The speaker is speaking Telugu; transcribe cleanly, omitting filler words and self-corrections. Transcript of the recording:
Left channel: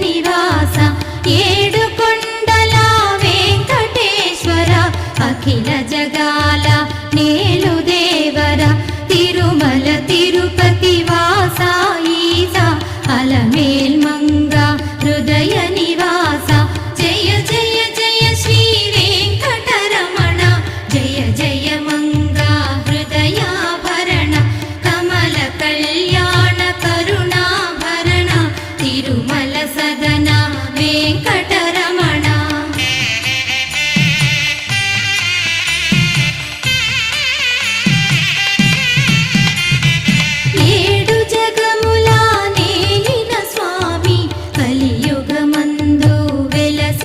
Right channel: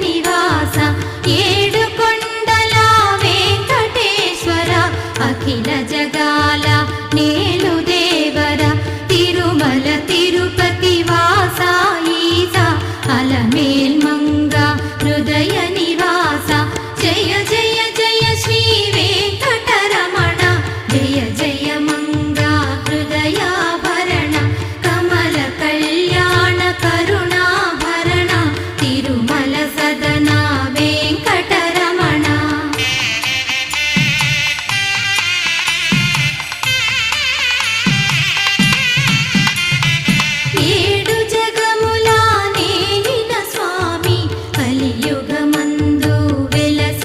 నివాస ఏడు కొండల వెంకటేశ్వర అఖిల జగాల నేలు దేవర తిరుమల తిరుపతి వాస ఈస అలమేల్ మంగ హృదయ నివాస జయ జయ జయ శ్రీ వెంకటరమణ జయ జయ మంగ హృదయాభరణ కమల కళ్యాణ కరుణాభరణ తిరుమల సదన వెంకటరమణ ఏడు జగముల నేలిన స్వామి కలియుగము